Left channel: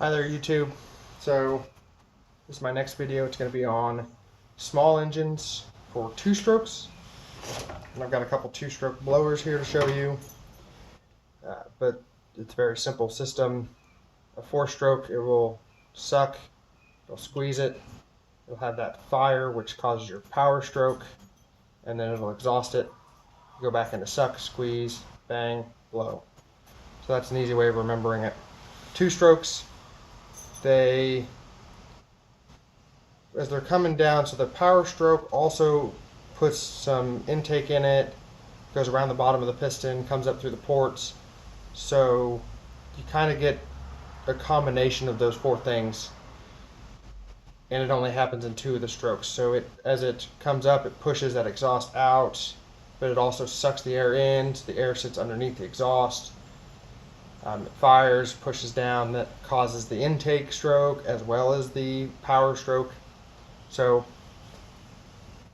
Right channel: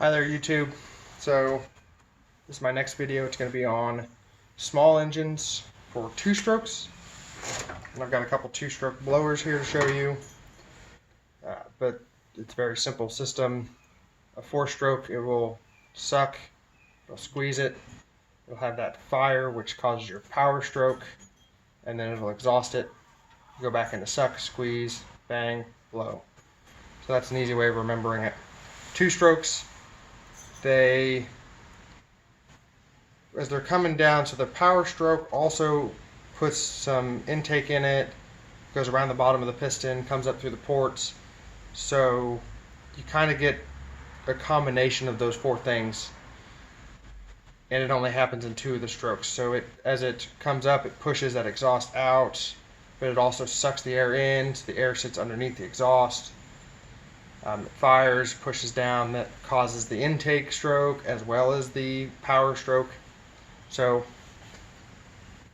Hi there, YouTube. So this is my next video. It's going to be on small engines for two-strokes. And I've got a couple two-stroke blowers here to show you. But it's a very simple system. A four-stroke, it will suck, it'll squeeze it, it'll have that fire which causes your power stroke, and then it'll exhaust it. You go back into suck, squeeze, bang, blow. So that's an easy way of remembering it. Two strokes, as they're coming down, so the power stroke also puts some intake in it, goes around the bottom of the piston, comes up through the ports. So you kind of get a combination of those four things, and it only happens in two of the strokes. So as it comes up, it pushes that exhaust out, but it also sucks the air in, so the air sits underneath the exhaust. It fires, pushes down, that causes the intake stroke as well as the power stroke. So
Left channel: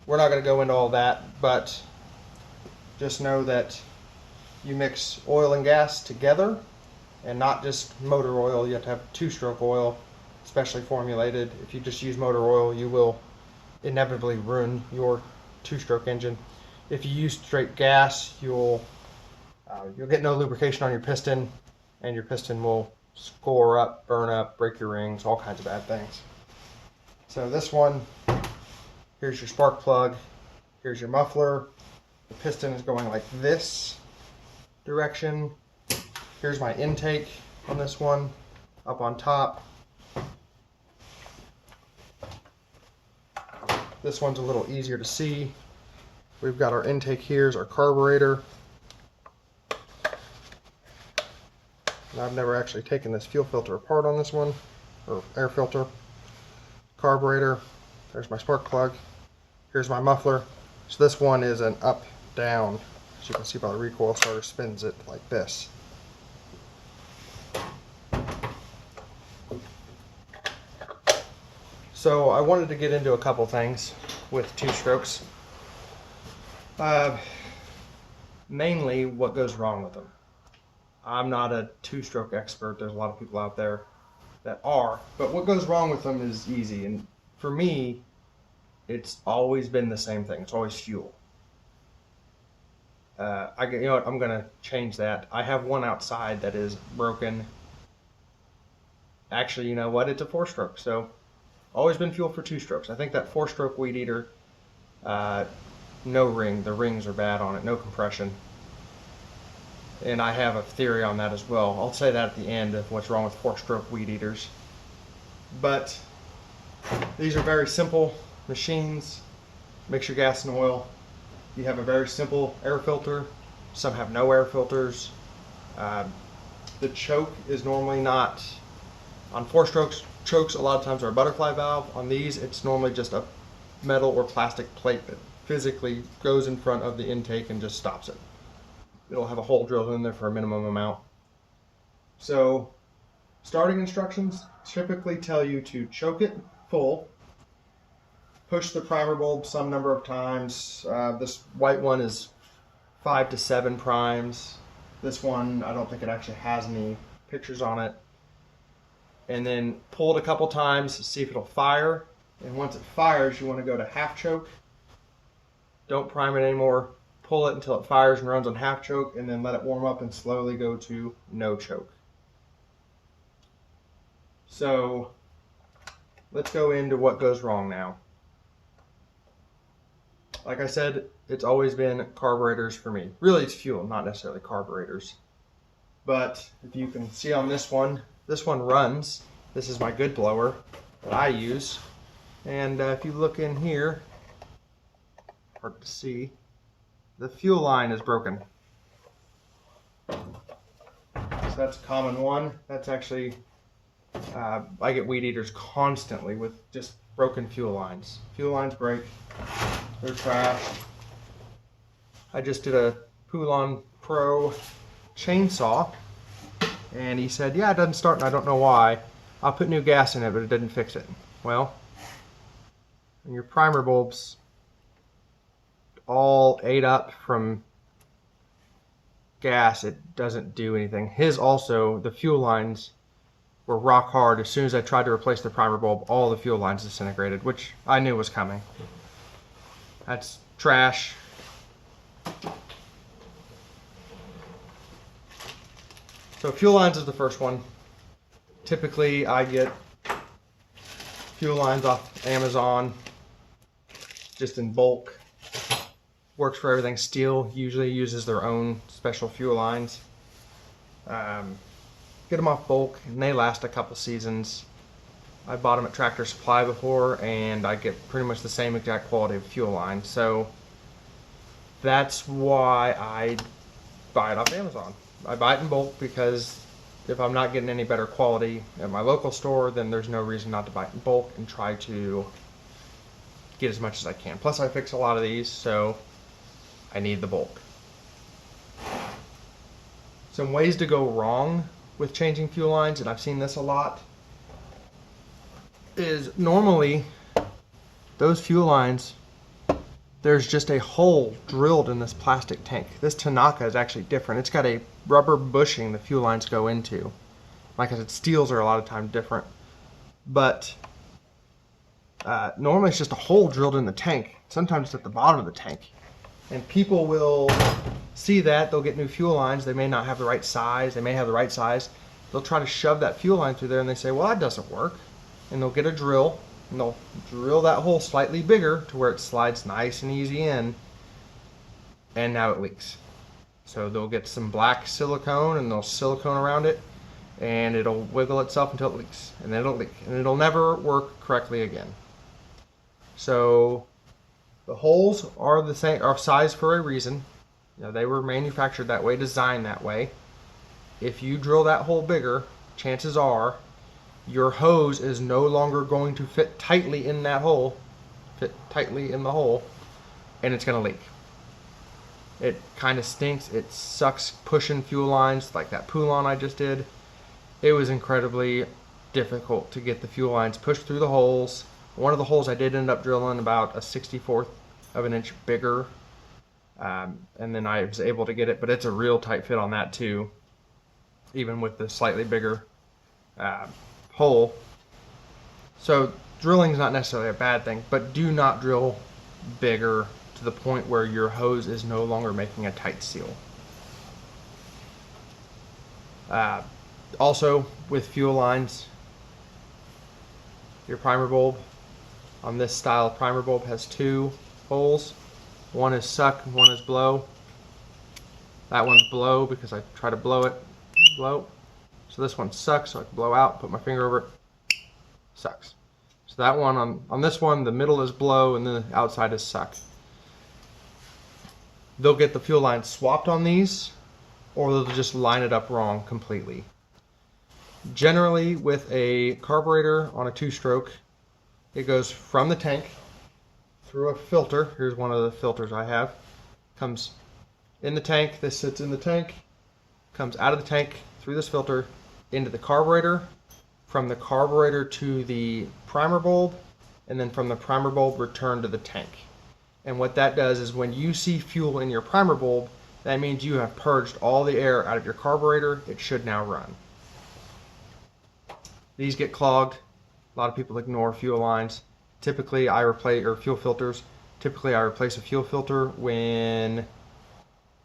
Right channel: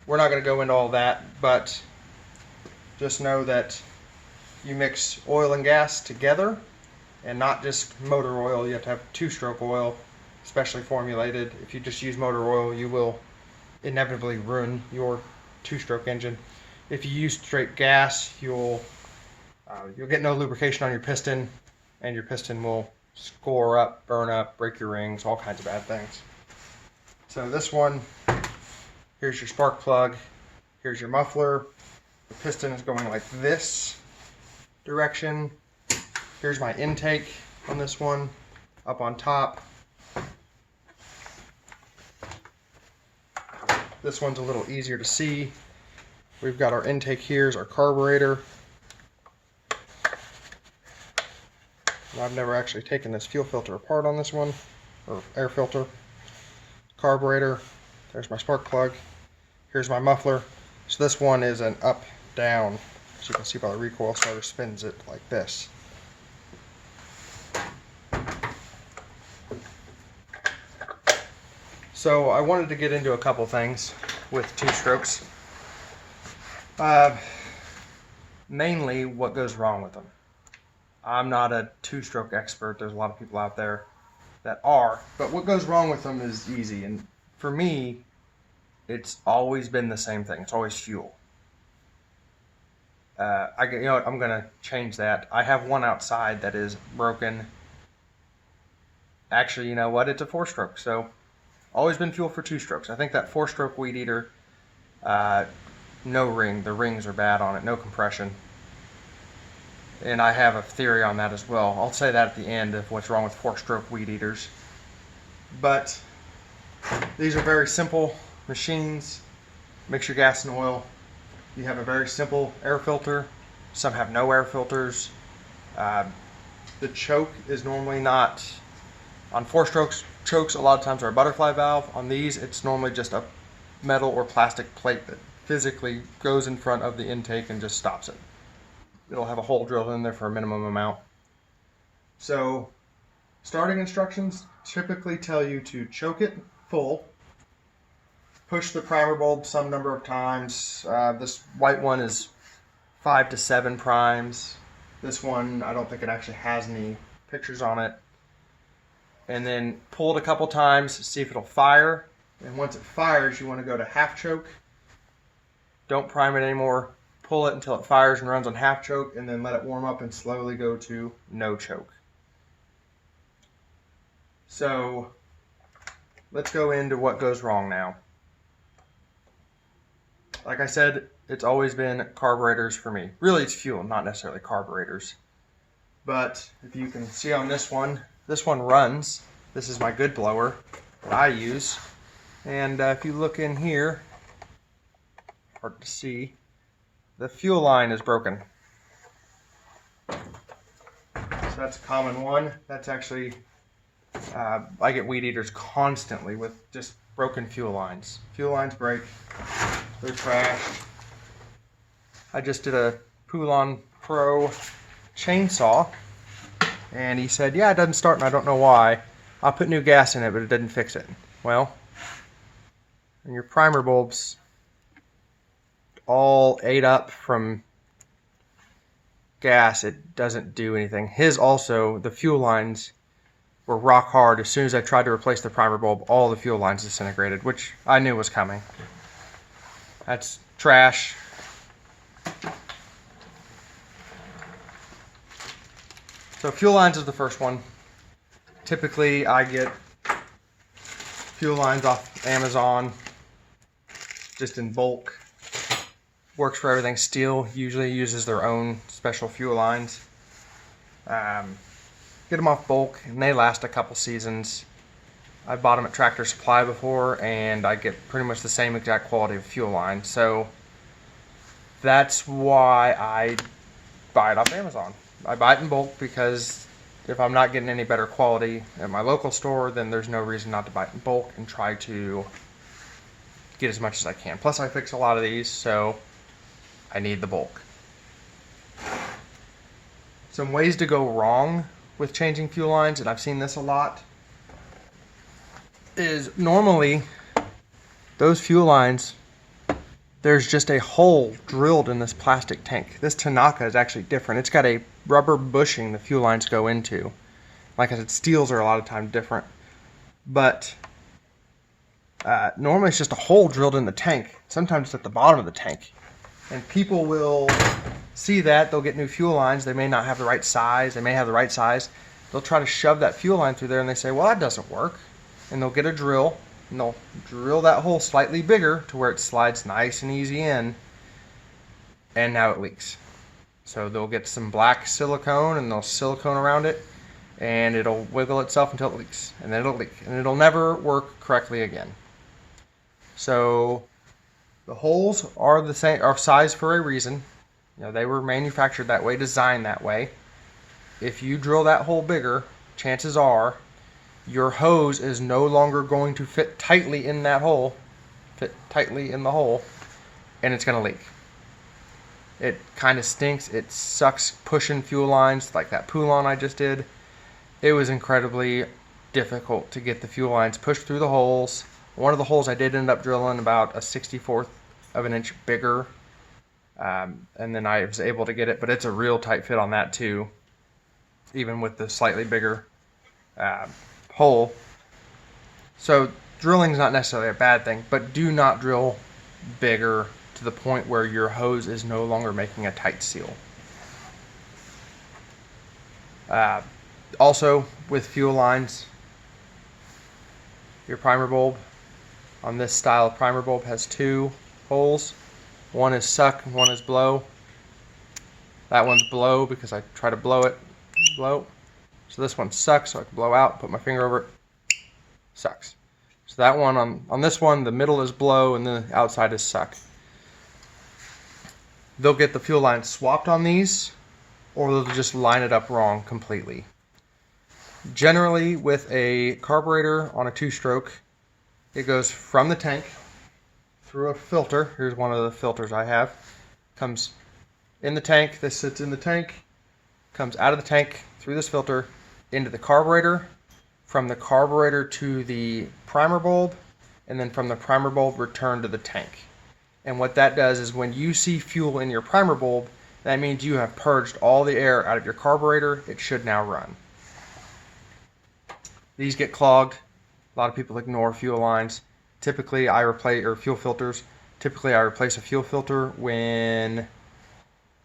we're not going to go into all that, but just know that you mix oil and gas together, and not just motor oil. You have to have two-stroke oil, specially formulated. If you just use motor oil, you will inevitably ruin your two-stroke engine. If you use straight gas, you'll get no lubrication on your piston, and your piston will score up, burn up, break your rings, all kinds of bad things. So this one, here's your spark plug, here's your muffler. The piston is going like this direction. Here's my intake on this one, up on top. This one's a little easier to see. We've got our intake here, is our carburetor. And I've never actually taken this fuel filter apart on this one, or air filter. Carburetor, there's my spark plug, here's my muffler. So this one is an up-down, as you can see by the recoil starter spins it like this. So I wanted to get into a couple things with two strokes. Mainly what goes wrong with them. I'm not a two-stroke expert. There's a lot of people out there that are, but what goes wrong with them is easy. And for me, it's always been the same thing. It's always fuel. You know what? I'm gonna change that. I have one outside that is broken. Actually, you know what? It's a four-stroke. So always been fuel for two strokes. I think that four-stroke weed eater, no ring. The rings are bad on it. No compression. And I have a theory on that as well. I'll say that at the end of what's wrong with four-stroke weed eaters. But these are very simple machines. Mix your gas and oil. You have a very simple air filter. Some have no air filters. The choke is normally not, on four-strokes, chokes a lot of times are a butterfly valve. On these, it's normally just a metal or plastic plate that physically goes in front of the intake and just stops it. It'll have a hole drilled in there for a minimum amount. So starting instructions typically tell you to choke it full, push the primer bulb some number of times. This white one is 5 to 7 primes. This one, I don't think it actually has any pictures on it. And then pull it a couple times to see if it'll fire. And once it fires, you want to go to half choke. Don't prime it anymore. Pull it until it fires and runs on half choke, and then let it warm up and slowly go to no choke. So let's go into what goes wrong now. Like I said, it's always been carburetors for me. Really, it's fuel, not necessarily carburetors. But if you can see on this one runs. This is my good blower that I use. And if you look in here, hard to see, the fuel line is broken. So that's a common one. That's actually, I get weed eaters constantly with just broken fuel lines. Fuel lines break, they're trashed. I just did a Poulan Pro chainsaw, and he said, yeah, it doesn't start and I don't know why. I'll put new gas in it, but it didn't fix it. Well, and your primer bulbs all ate up from gas, it doesn't do anything. His also, the fuel lines were rock hard. As soon as I tried to replace the primer bulb, all the fuel lines disintegrated, which I knew was coming. That's trash. So fuel lines is the first one. Typically I get fuel lines off Amazon, just in bulk. Works for everything. Steel usually uses their own special fuel lines. Get them off bulk and they last a couple seasons. I bought them at Tractor Supply before and I get pretty much the same exact quality of fuel line. So that's why I buy it off Amazon. I buy it in bulk because if I'm not getting any better quality at my local store, then there's no reason not to buy it in bulk and try to get as much as I can. Plus I fix a lot of these, so I need the bulk. Some ways to go wrong with changing fuel lines, and I've seen this a lot, is normally those fuel lines, there's just a hole drilled in this plastic tank. This Tanaka is actually different. It's got a rubber bushing the fuel lines go into. Like I said, steels are a lot of times different. But normally it's just a hole drilled in the tank. Sometimes it's at the bottom of the tank. And people will see that, they'll get new fuel lines. They may not have the right size. They may have the right size. They'll try to shove that fuel line through there and they say, well, that doesn't work. And they'll get a drill and they'll drill that hole slightly bigger to where it slides nice and easy in. And now it leaks. So they'll get some black silicone and they'll silicone around it and it'll wiggle itself until it leaks. And then it'll leak. And it'll never work correctly again. So the holes are the same, are size for a reason. You know, they were manufactured that way, designed that way. If you drill that hole bigger, chances are your hose is no longer going to fit tightly in that hole, and it's going to leak. It kind of stinks. It sucks pushing fuel lines like that Poulon I just did. It was incredibly difficult to get the fuel lines pushed through the holes. One of the holes I did end up drilling about a 64th of an inch bigger, and then I was able to get it, but it's a real tight fit on that too, even with the slightly bigger hole. So drilling is not necessarily a bad thing, but do not drill bigger to the point where your hose is no longer making a tight seal. Also with fuel lines, your primer bulb on this style of primer bulb has two holes. One is suck and one is blow. That one's blow because I try to blow. So this one sucks, so I can blow out, put my finger over it, sucks. So that one, on this one, the middle is blow and the outside is suck. They'll get the fuel line swapped on these, or they'll just line it up wrong completely. Generally, with a carburetor on a two-stroke, it goes from the tank through a filter. Here's one of the filters I have. Comes in the tank, this sits in the tank, comes out of the tank through this filter into the carburetor, from the carburetor to the primer bulb, and then from the primer bulb return to the tank. And what that does is when you see fuel in your primer bulb, that means you have purged all the air out of your carburetor. It should now run. These get clogged. A lot of people ignore fuel lines. Typically I replace, or fuel filters, typically I replace a fuel filter when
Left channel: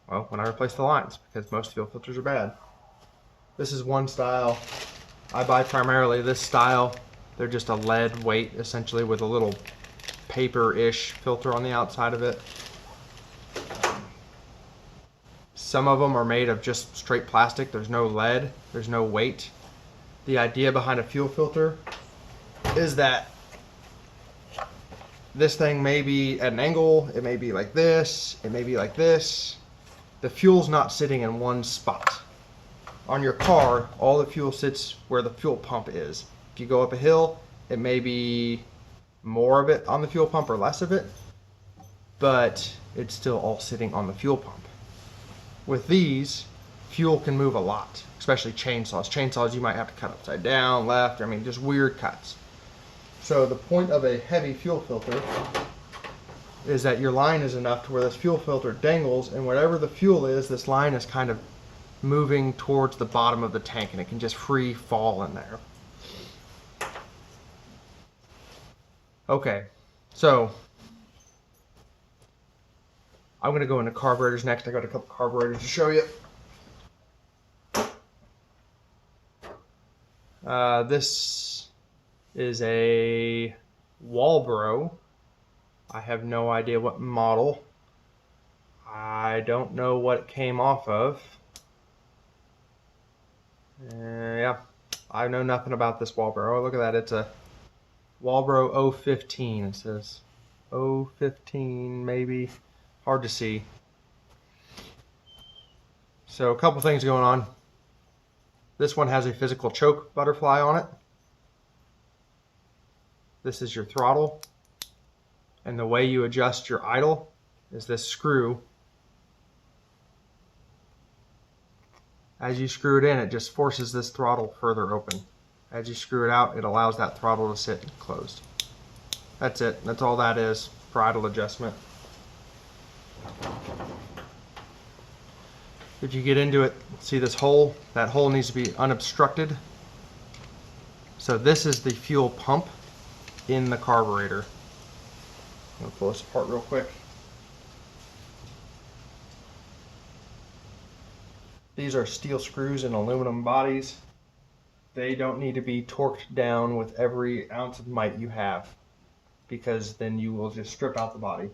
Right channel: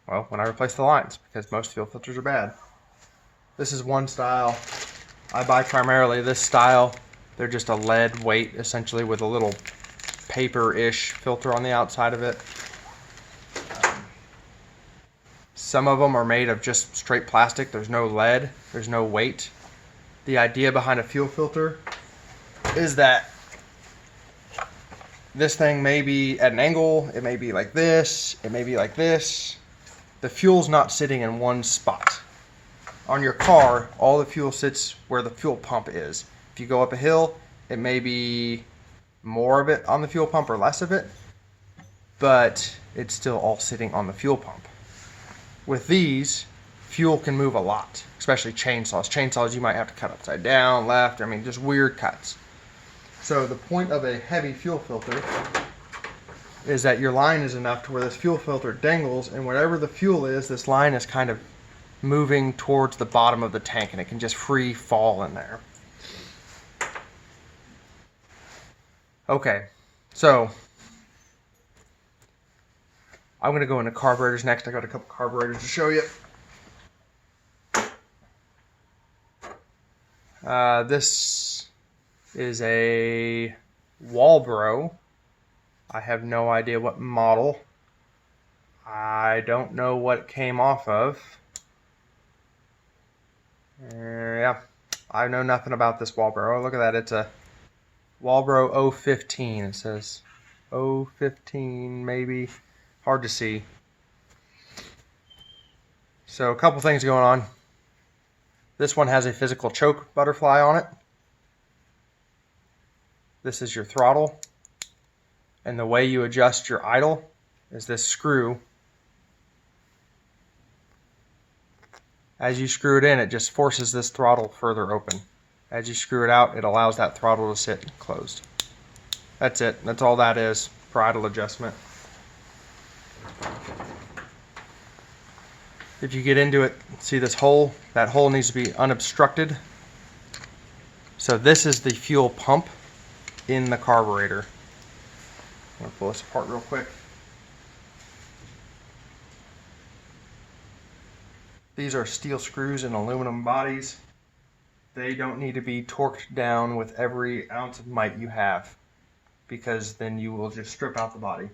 I replace the lines, because most fuel filters are bad. This is one style. I buy primarily this style. They're just a lead weight essentially with a little paper-ish filter on the outside of it. Some of them are made of just straight plastic. There's no lead, there's no weight. The idea behind a fuel filter is that this thing may be at an angle, it may be like this, it may be like this. The fuel's not sitting in one spot. On your car, all the fuel sits where the fuel pump is. If you go up a hill, it may be more of it on the fuel pump or less of it, but it's still all sitting on the fuel pump. With these, fuel can move a lot, especially chainsaws. Chainsaws you might have to cut upside down, left, I mean just weird cuts. So the point of a heavy fuel filter is that your line is enough to where this fuel filter dangles, and whatever the fuel is, this line is kind of moving towards the bottom of the tank, and it can just free fall in there. Okay, so I'm going to go into carburetors next. I got a couple carburetors to show you. This is a Walbro. I have no idea what model. I don't know what it came off of. Yeah, I know nothing about this Walbro. Oh, look at that. It's a Walbro 015. It says 015 maybe. Hard to see. So a couple things going on. This one has a physical choke butterfly on it. This is your throttle. And the way you adjust your idle is this screw. As you screw it in, it just forces this throttle further open. As you screw it out, it allows that throttle to sit closed. That's it. That's all that is for idle adjustment. If you get into it, see this hole? That hole needs to be unobstructed. So this is the fuel pump in the carburetor. I'm going to pull this apart real quick. These are steel screws and aluminum bodies. They don't need to be torqued down with every ounce of might you have, because then you will just strip out the body.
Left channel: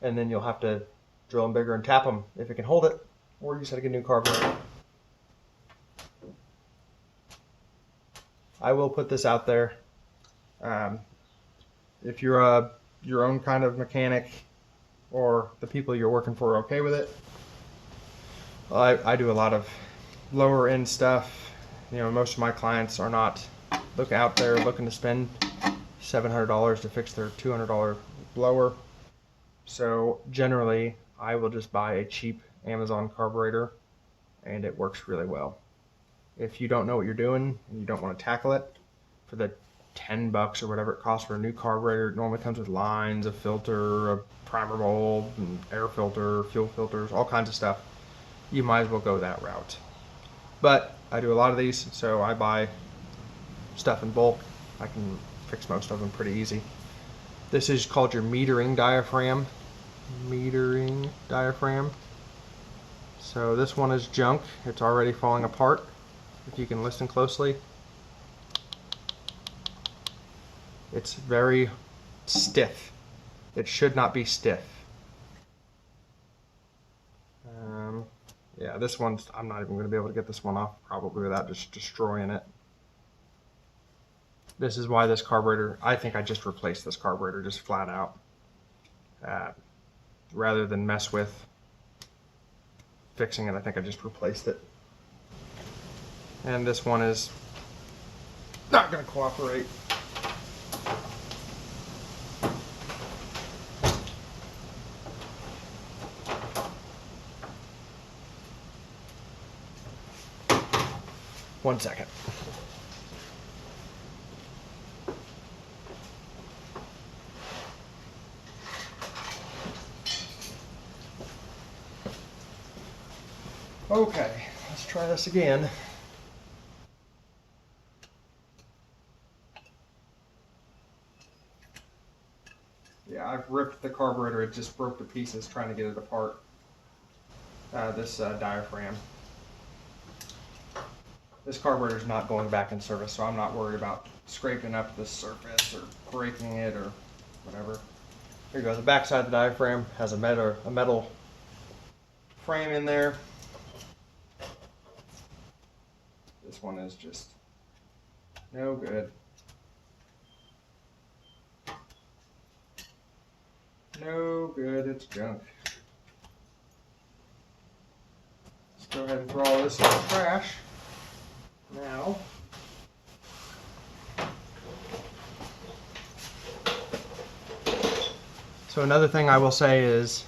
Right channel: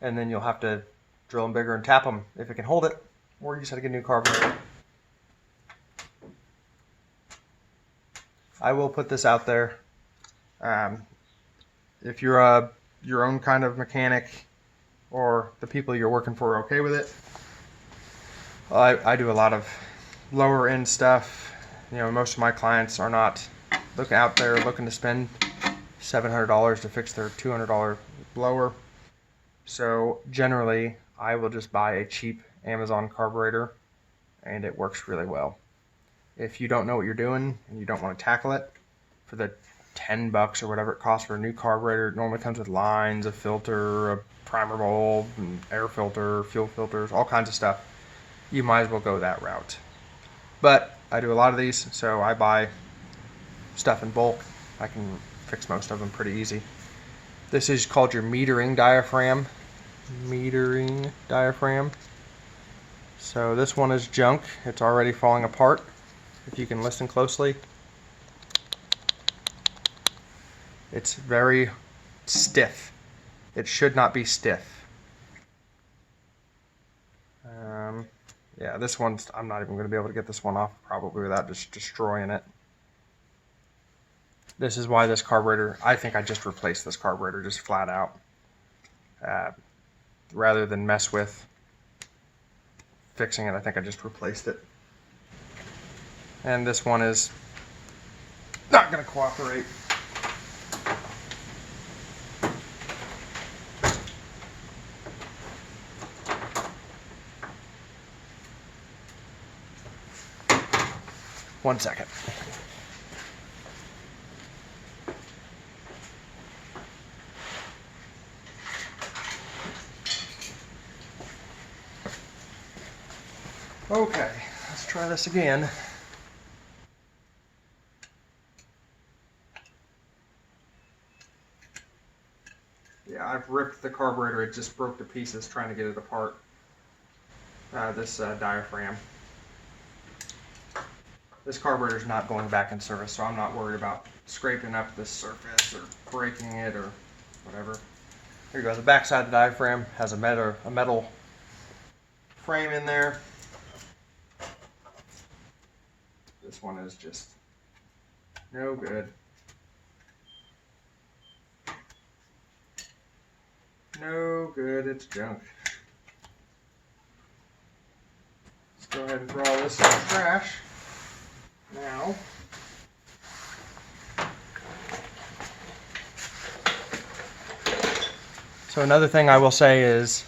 And then you'll have to drill them bigger and tap them if it can hold it, or you just have to get a new carburetor. I will put this out there. If you're your own kind of mechanic, or the people you're working for are okay with it. I do a lot of lower end stuff. You know, most of my clients are not out there looking to spend $700 to fix their $200 blower. So generally, I will just buy a cheap Amazon carburetor, and it works really well. If you don't know what you're doing and you don't want to tackle it, for the $10 or whatever it costs for a new carburetor, it normally comes with lines, a filter, a primer bulb, an air filter, fuel filters, all kinds of stuff. You might as well go that route. But I do a lot of these, so I buy stuff in bulk. I can fix most of them pretty easy. This is called your metering diaphragm. Metering diaphragm. So this one is junk. It's already falling apart. If you can listen closely. It's very stiff. It should not be stiff. Yeah, this one's, I'm not even going to be able to get this one off probably without just destroying it. This is why this carburetor, I think I just replaced this carburetor just flat out. Rather than mess with fixing it, I think I just replaced it. And this one is not going to cooperate. One second. Okay, let's try this again. Yeah, I've ripped the carburetor. It just broke to pieces trying to get it apart. This diaphragm. This carburetor is not going back in service, so I'm not worried about scraping up this surface or breaking it or whatever. Here you go. The back side of the diaphragm has a metal frame in there. This one is just no good. No good. It's junk. Let's go ahead and throw all this in the trash. Now, so another thing I will say is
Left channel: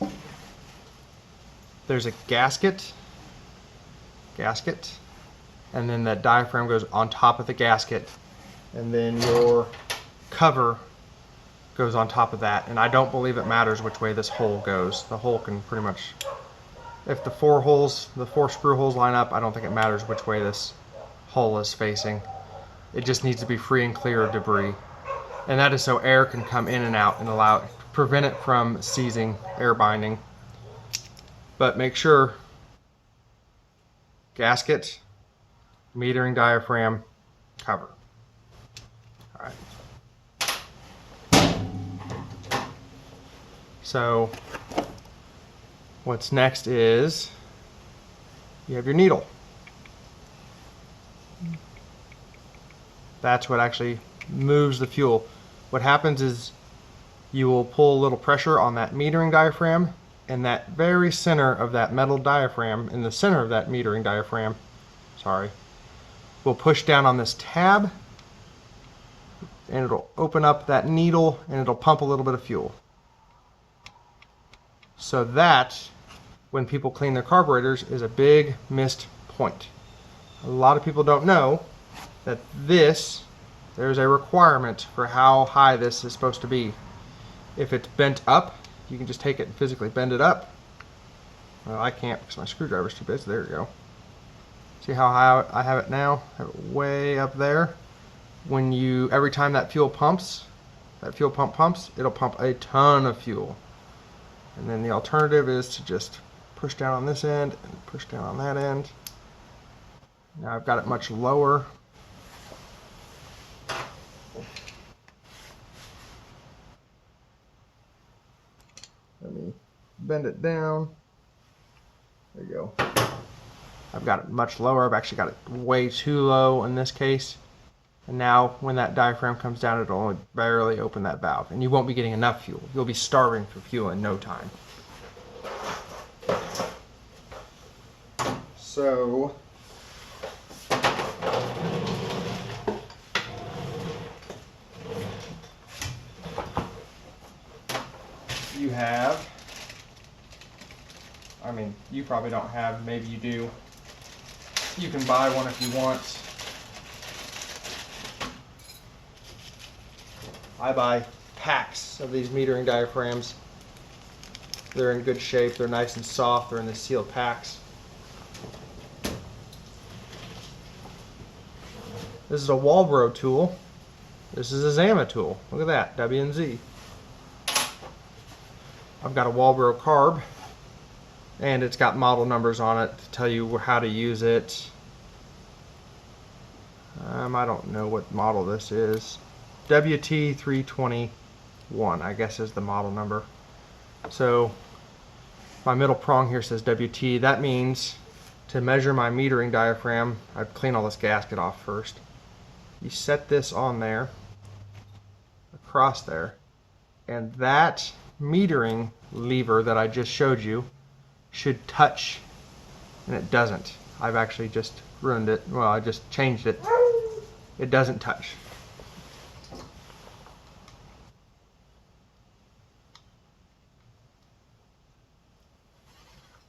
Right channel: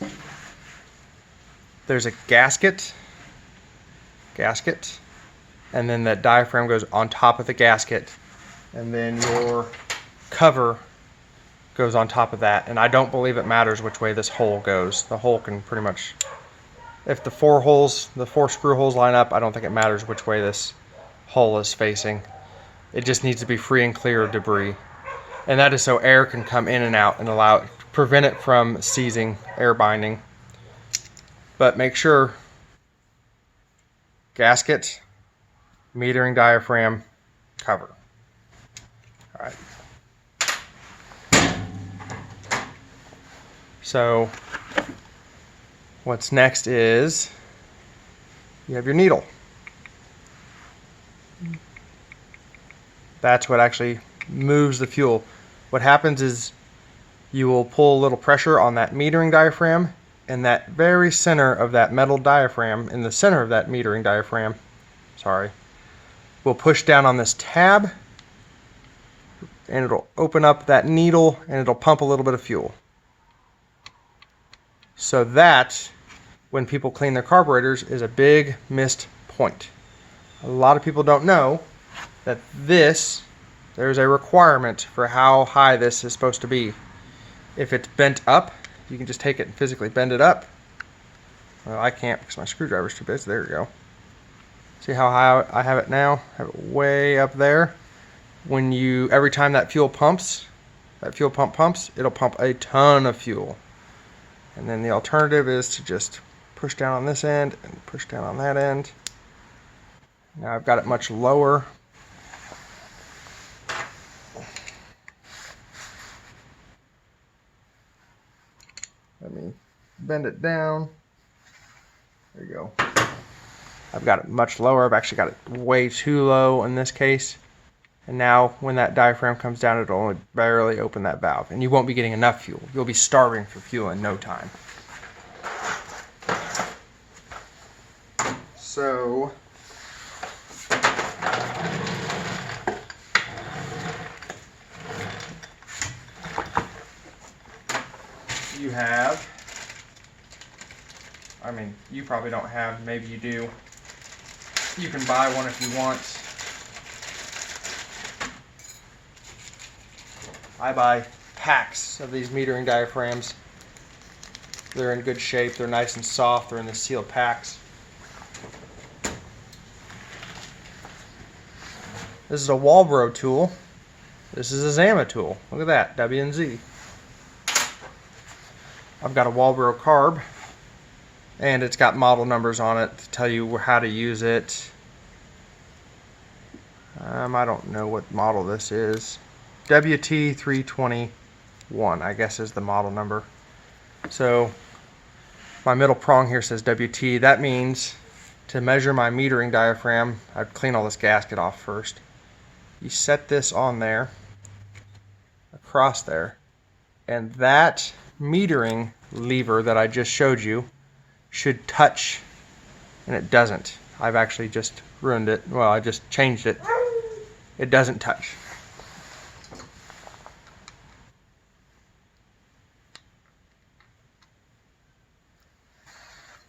there's a gasket, and then that diaphragm goes on top of the gasket, and then your cover goes on top of that. And I don't believe it matters which way this hole goes. The hole can pretty much If the four screw holes line up, I don't think it matters which way this hole is facing. It just needs to be free and clear of debris. And that is so air can come in and out and prevent it from seizing, air binding. But make sure gasket, metering diaphragm, cover. All right. So what's next is you have your needle. That's what actually moves the fuel. What happens is you will pull a little pressure on that metering diaphragm, and that very center of that metal diaphragm, in the center of that metering diaphragm, will push down on this tab, and it'll open up that needle and it'll pump a little bit of fuel. So that, when people clean their carburetors, is a big missed point. A lot of people don't know that there's a requirement for how high this is supposed to be. If it's bent up, you can just take it and physically bend it up. Well, I can't because my screwdriver's too big, so there you go. See how high I have it now? I have it way up there. Every time that fuel pump pumps, it'll pump a ton of fuel. And then the alternative is to just push down on this end and push down on that end. Now I've got it much lower. Let me bend it down. There you go. I've got it much lower. I've actually got it way too low in this case. And now when that diaphragm comes down, it'll only barely open that valve. And you won't be getting enough fuel. You'll be starving for fuel in no time. So you have, you probably don't have, maybe you do. You can buy one if you want. I buy packs of these metering diaphragms. They're in good shape, they're nice and soft, they're in the sealed packs. This is a Walbro tool. This is a Zama tool. Look at that, W&Z. I've got a Walbro carb, and it's got model numbers on it to tell you how to use it. I don't know what model this is. WT321, I guess, is the model number. So my middle prong here says WT. That means to measure my metering diaphragm, I'd clean all this gasket off first. You set this on there, across there, and that metering lever that I just showed you should touch, and it doesn't. I've actually just ruined it. Well, I just changed it. It doesn't touch.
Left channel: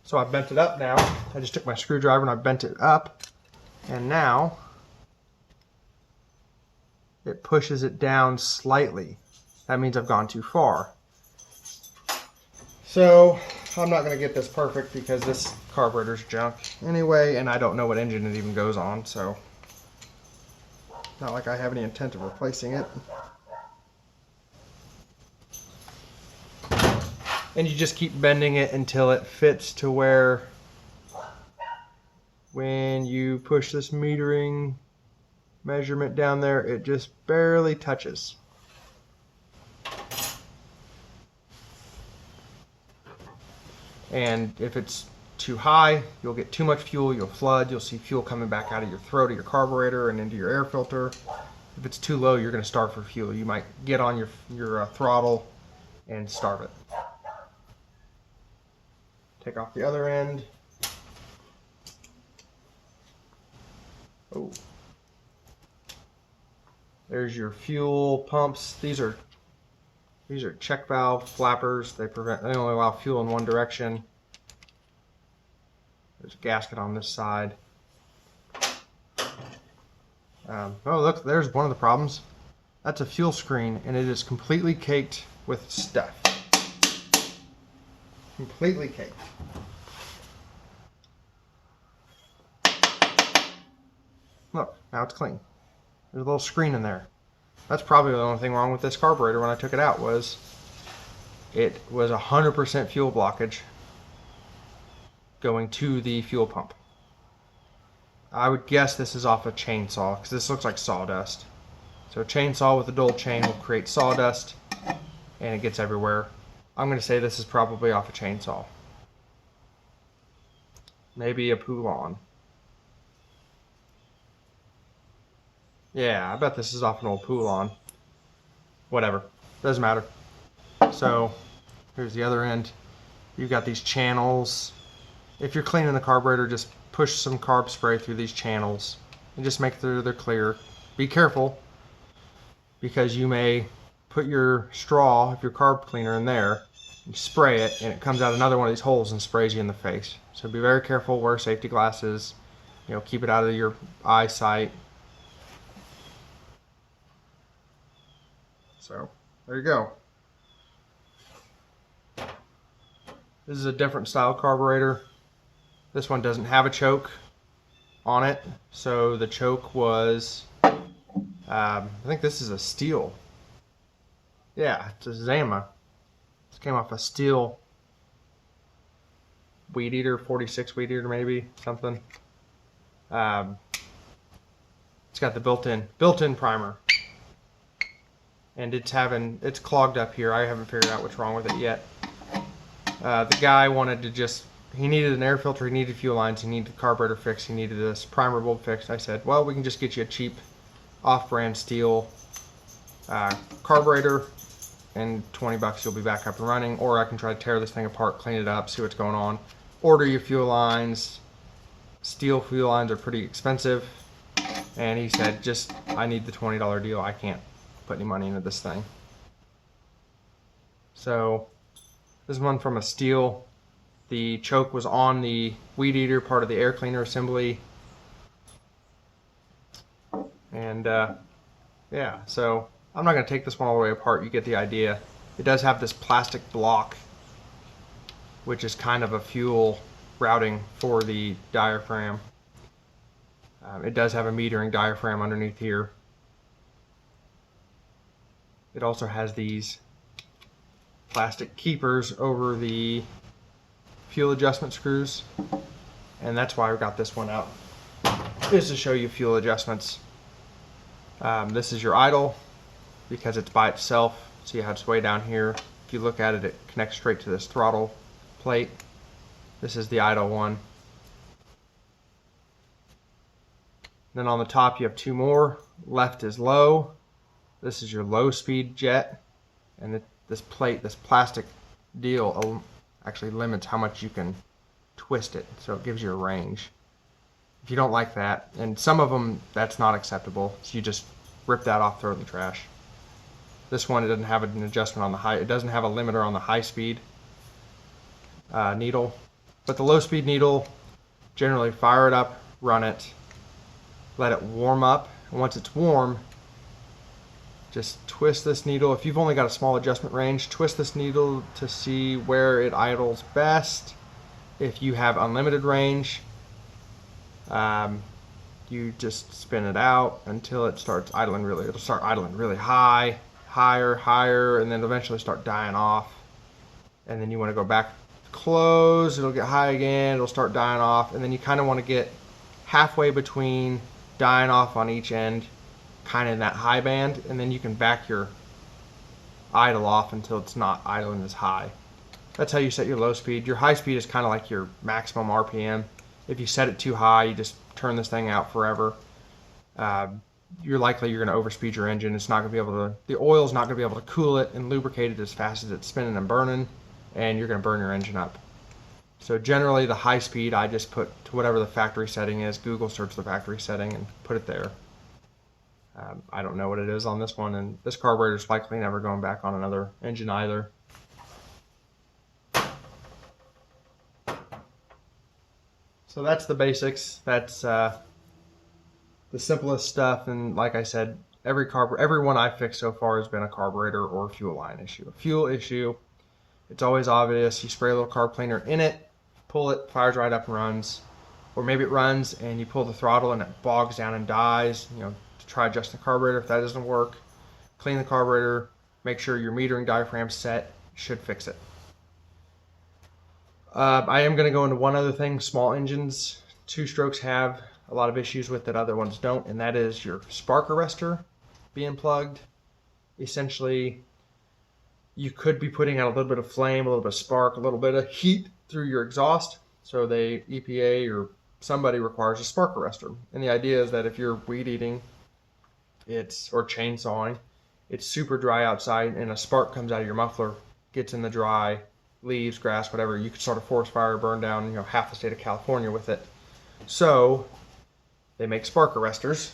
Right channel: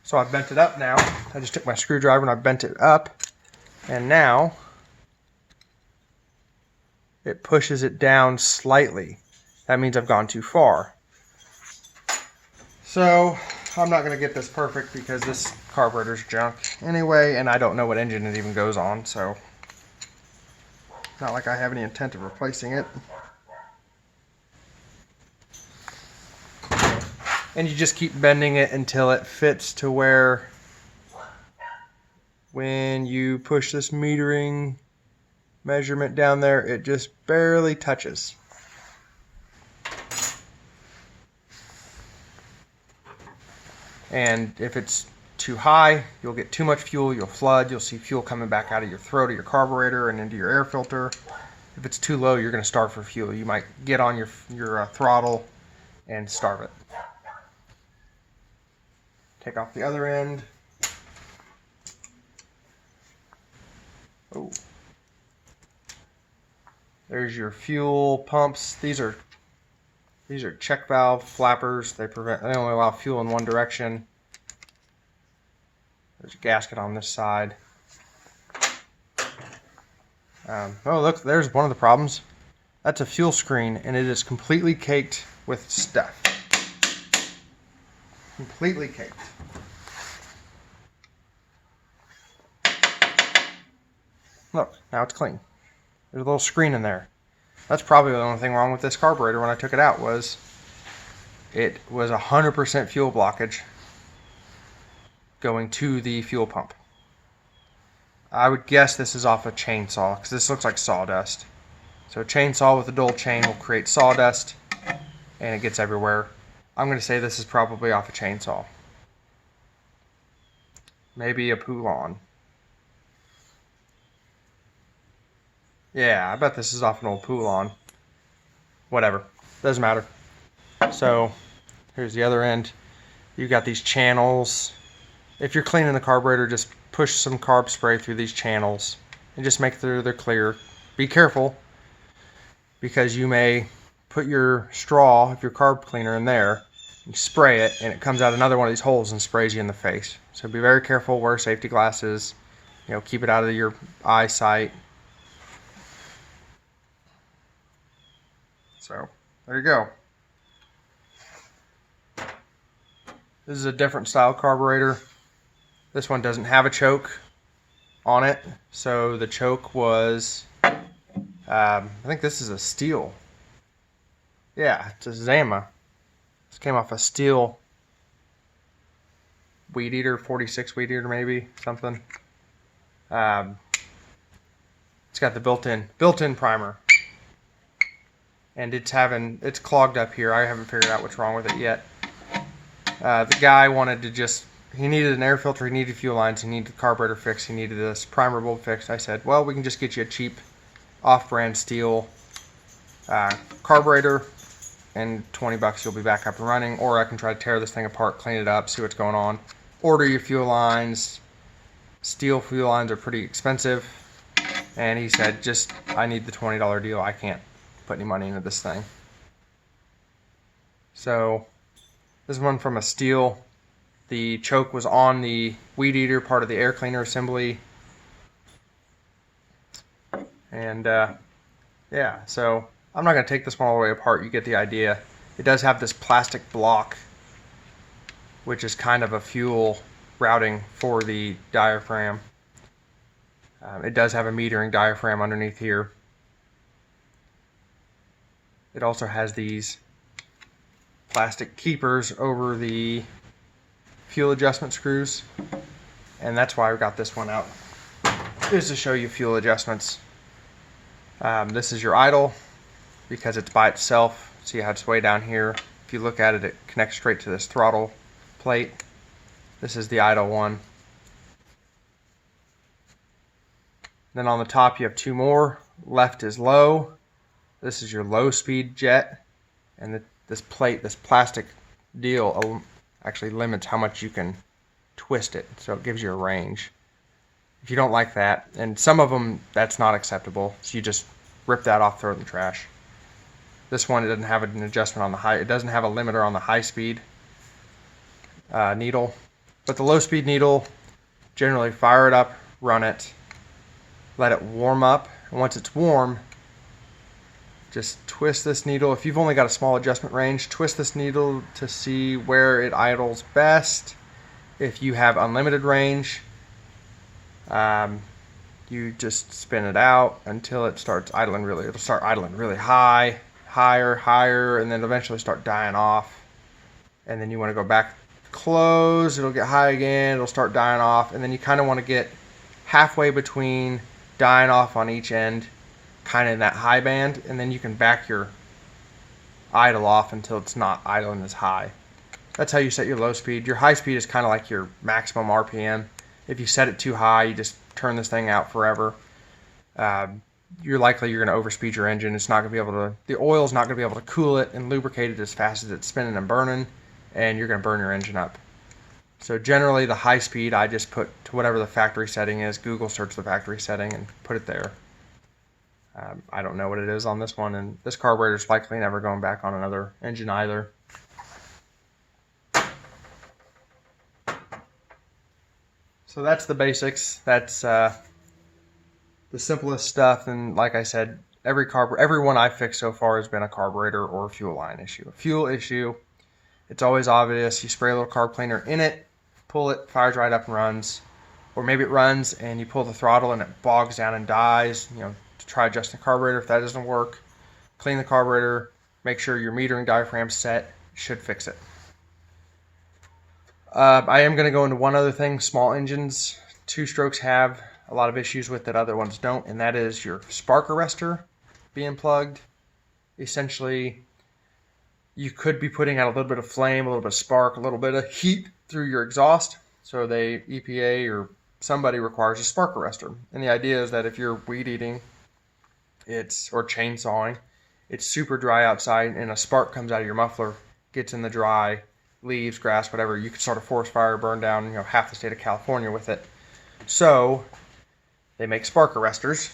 So I bent it up now. I just took my screwdriver and I bent it up, and now it pushes it down slightly. That means I've gone too far. So I'm not going to get this perfect because this carburetor's junk anyway, and I don't know what engine it even goes on, so it's not like I have any intent of replacing it. And you just keep bending it until it fits to where when you push this metering measurement down there, it just barely touches. And if it's too high, you'll get too much fuel, you'll flood, you'll see fuel coming back out of your throat of your carburetor and into your air filter. If it's too low, you're going to starve for fuel. You might get on your throttle and starve it. Take off the other end. Oh. There's your fuel pumps. These are check valve flappers. They only allow fuel in one direction. There's a gasket on this side. Oh look, there's one of the problems. That's a fuel screen, and it is completely caked with stuff. Completely caked. Look, now it's clean. There's a little screen in there. That's probably the only thing wrong with this carburetor when I took it out was it was 100% fuel blockage going to the fuel pump. I would guess this is off a chainsaw because this looks like sawdust. So a chainsaw with a dull chain will create sawdust and it gets everywhere. I'm going to say this is probably off a chainsaw. Maybe a Poulan. Yeah, I bet this is off an old Poulan. Whatever. Doesn't matter. So, here's the other end. You've got these channels. If you're cleaning the carburetor, just push some carb spray through these channels and just make sure they're clear. Be careful because you may put your straw of your carb cleaner in there, you spray it, and it comes out another one of these holes and sprays you in the face. So be very careful, wear safety glasses, keep it out of your eyesight. So, there you go. This is a different style carburetor. This one doesn't have a choke on it. So the choke was, I think this is a steel. Yeah, it's a Zama. This came off a steel weed eater, 46 weed eater maybe, something. It's got the built-in primer. And it's clogged up here. I haven't figured out what's wrong with it yet. The guy wanted to he needed an air filter, he needed fuel lines, he needed the carburetor fixed, he needed this primer bulb fixed. I said, well, we can just get you a cheap off-brand steel carburetor, and $20 you'll be back up and running. Or I can try to tear this thing apart, clean it up, see what's going on. Order your fuel lines. Steel fuel lines are pretty expensive. And he said, I need the $20 deal. I can't put any money into this thing. So this one from a steel. The choke was on the weed eater, part of the air cleaner assembly. And yeah, so I'm not going to take this one all the way apart. You get the idea. It does have this plastic block, which is kind of a fuel routing for the diaphragm. It does have a metering diaphragm underneath here. It also has these plastic keepers over the fuel adjustment screws, and that's why I got this one out, is to show you fuel adjustments. This is your idle, because it's by itself. See how it's way down here. If you look at it, it connects straight to this throttle plate. This is the idle one. Then on the top you have two more. Left is low. This is your low speed jet, and this plate, this plastic deal, actually limits how much you can twist it, so it gives you a range. If you don't like that, and some of them that's not acceptable, so you just rip that off, throw it in the trash. This one, it doesn't have an adjustment on the high, it doesn't have a limiter on the high speed needle, but the low speed needle, generally fire it up, run it, let it warm up, and once it's warm, just twist this needle. If you've only got a small adjustment range, twist this needle to see where it idles best. If you have unlimited range, you just spin it out until it starts idling really. It'll start idling really high, higher, and then eventually start dying off. And then you want to go back, close, it'll get high again, it'll start dying off, and then you kind of want to get halfway between dying off on each end, kind of in that high band, and then you can back your idle off until it's not idling as high. That's how you set your low speed. Your high speed is kind of like your maximum RPM. If you set it too high, you just turn this thing out forever. You're going to overspeed your engine. It's not going to be able to, the oil's not going to be able to cool it and lubricate it as fast as it's spinning and burning, and you're going to burn your engine up. So generally the high speed I just put to whatever the factory setting is. Google search the factory setting and put it there. I don't know what it is on this one, and this carburetor is likely never going back on another engine either. So that's the basics. That's the simplest stuff, and like I said, every one I've fixed so far has been a carburetor or fuel line issue. A fuel issue, it's always obvious. You spray a little carb cleaner in it, pull it, fires right up and runs. or maybe it runs and you pull the throttle and it bogs down and dies. Try adjusting the carburetor. If that doesn't work, clean the carburetor, make sure your metering diaphragm's set. Should fix it. I am going to go into one other thing. Small engines, 2-strokes have a lot of issues with that other ones don't, and that is your spark arrestor being plugged. Essentially, you could be putting out a little bit of flame, a little bit of spark, a little bit of heat through your exhaust. So the EPA or somebody requires a spark arrestor. And the idea is that if you're weed eating, or chainsawing, it's super dry outside and a spark comes out of your muffler, gets in the dry leaves, grass, whatever, you could start a forest fire, burn down half the state of California with it. So they make spark arrestors.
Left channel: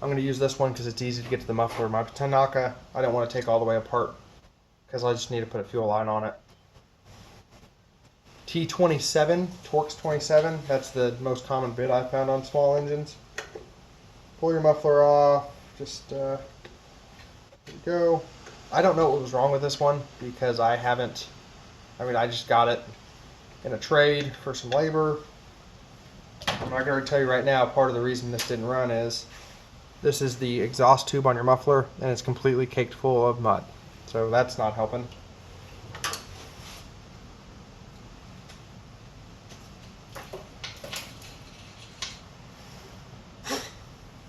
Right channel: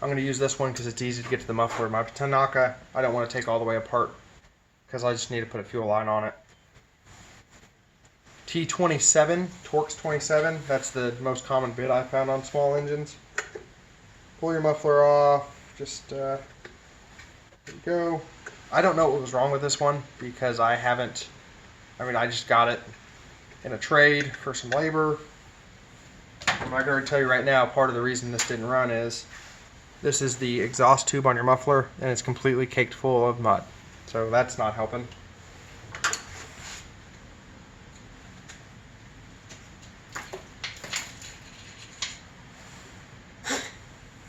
I'm going to use this one because it's easy to get to the muffler. My Tanaka, I don't want to take all the way apart because I just need to put a fuel line on it. T27, Torx 27, that's the most common bit I found on small engines. Pull your muffler off, just, there you go. I don't know what was wrong with this one because I just got it in a trade for some labor. I'm not going to tell you right now, part of the reason this didn't run is this is the exhaust tube on your muffler and it's completely caked full of mud. So that's not helping.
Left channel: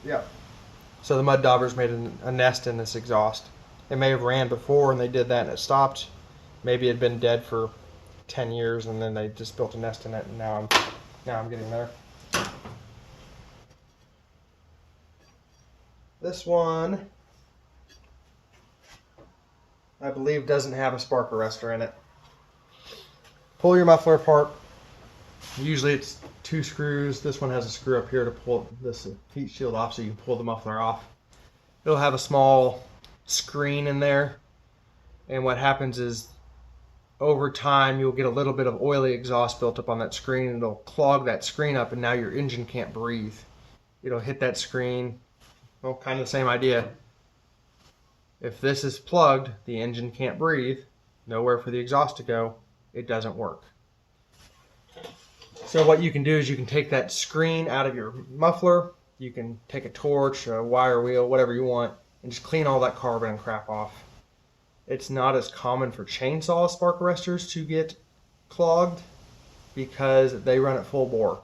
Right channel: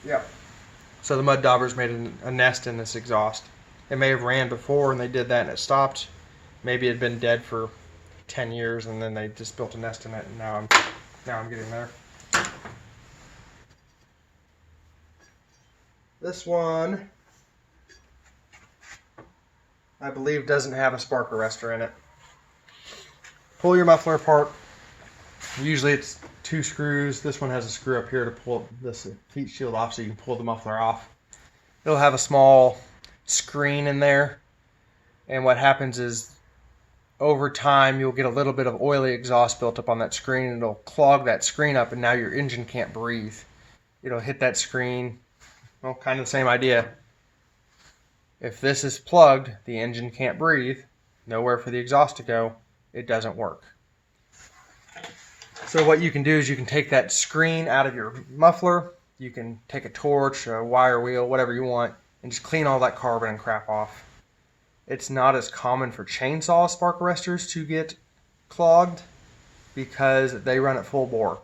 Yeah. So the mud daubers made a nest in this exhaust. It may have ran before and they did that and it stopped. Maybe it had been dead for 10 years and then they just built a nest in it, and now I'm getting there. This one, I believe, doesn't have a spark arrestor in it. Pull your muffler apart. Usually it's 2 screws. This one has a screw up here to pull this heat shield off so you can pull the muffler off. It'll have a small screen in there, and what happens is over time you'll get a little bit of oily exhaust built up on that screen, and it'll clog that screen up and now your engine can't breathe. It'll hit that screen. Well, kind of the same idea. If this is plugged, the engine can't breathe, nowhere for the exhaust to go, it doesn't work. So what you can do is you can take that screen out of your muffler, you can take a torch, a wire wheel, whatever you want, and just clean all that carbon and crap off. It's not as common for chainsaw spark arrestors to get clogged because they run at full bore.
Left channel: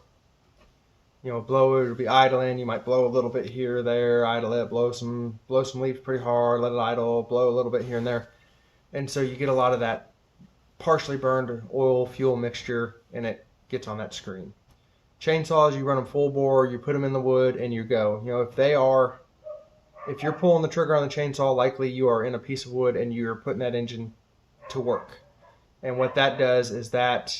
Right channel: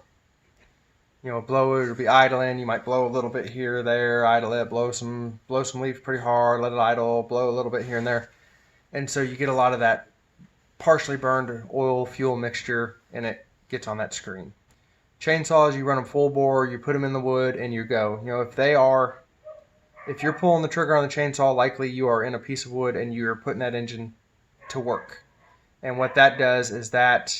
Blow it, will be idling, you might blow a little bit here or there, idle it, blow some leaves pretty hard, let it idle, blow a little bit here and there. And so you get a lot of that partially burned oil fuel mixture and it gets on that screen. Chainsaws, you run them full bore, you put them in the wood and you go. If you're pulling the trigger on the chainsaw, likely you are in a piece of wood and you're putting that engine to work. And what that does is that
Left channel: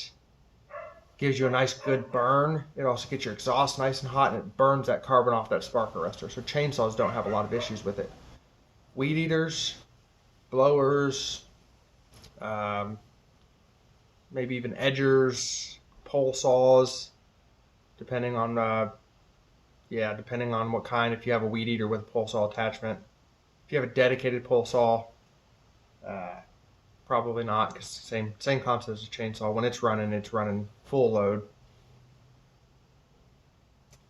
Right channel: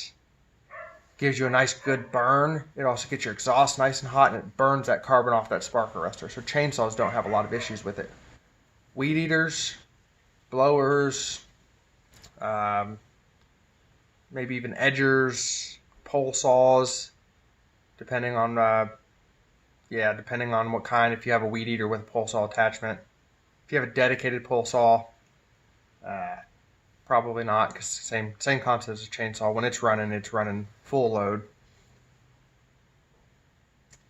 gives you a nice good burn. It also gets your exhaust nice and hot and it burns that carbon off that spark arrestor. So chainsaws don't have a lot of issues with it. Weed eaters, blowers, maybe even edgers, pole saws, depending on what kind. If you have a weed eater with a pole saw attachment, if you have a dedicated pole saw, probably not, because same concept as a chainsaw. When it's running full load.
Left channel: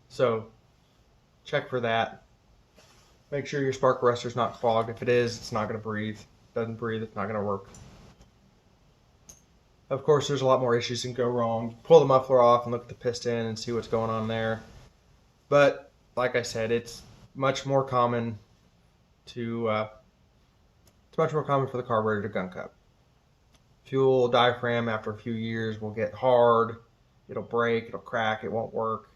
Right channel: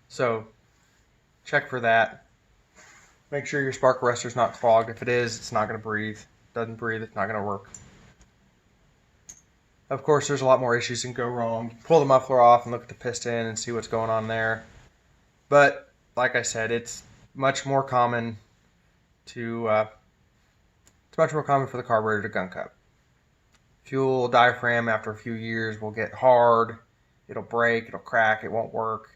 So check for that. Make sure your spark arrestor's not clogged. If it is, it's not going to breathe. Doesn't breathe, it's not going to work. Of course, there's a lot more issues that can go wrong. Pull the muffler off and look at the piston and see what's going on there. But like I said, it's much more common for the carburetor to gun cut. Fuel diaphragm after a few years will get hard. It'll break. It'll crack. It won't work.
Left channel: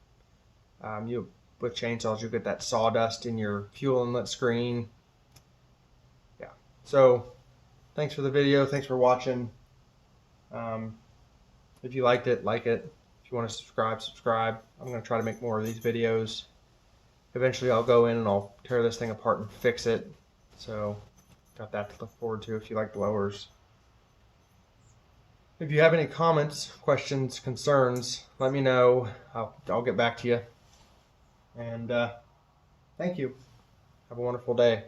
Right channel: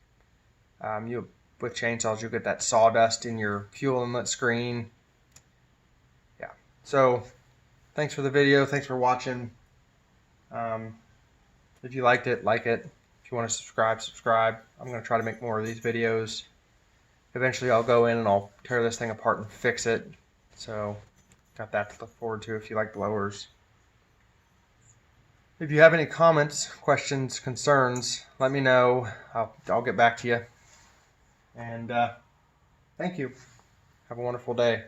With chainsaws, you'll get that sawdust in your fuel inlet screen. Yeah. So, thanks for the video. Thanks for watching. If you liked it, like it. If you want to subscribe. I'm going to try to make more of these videos. Eventually, I'll go in and I'll tear this thing apart and fix it. So, got that to look forward to if you like blowers. If you have any comments, questions, concerns, let me know. I'll get back to you. And thank you. Have a wonderful day.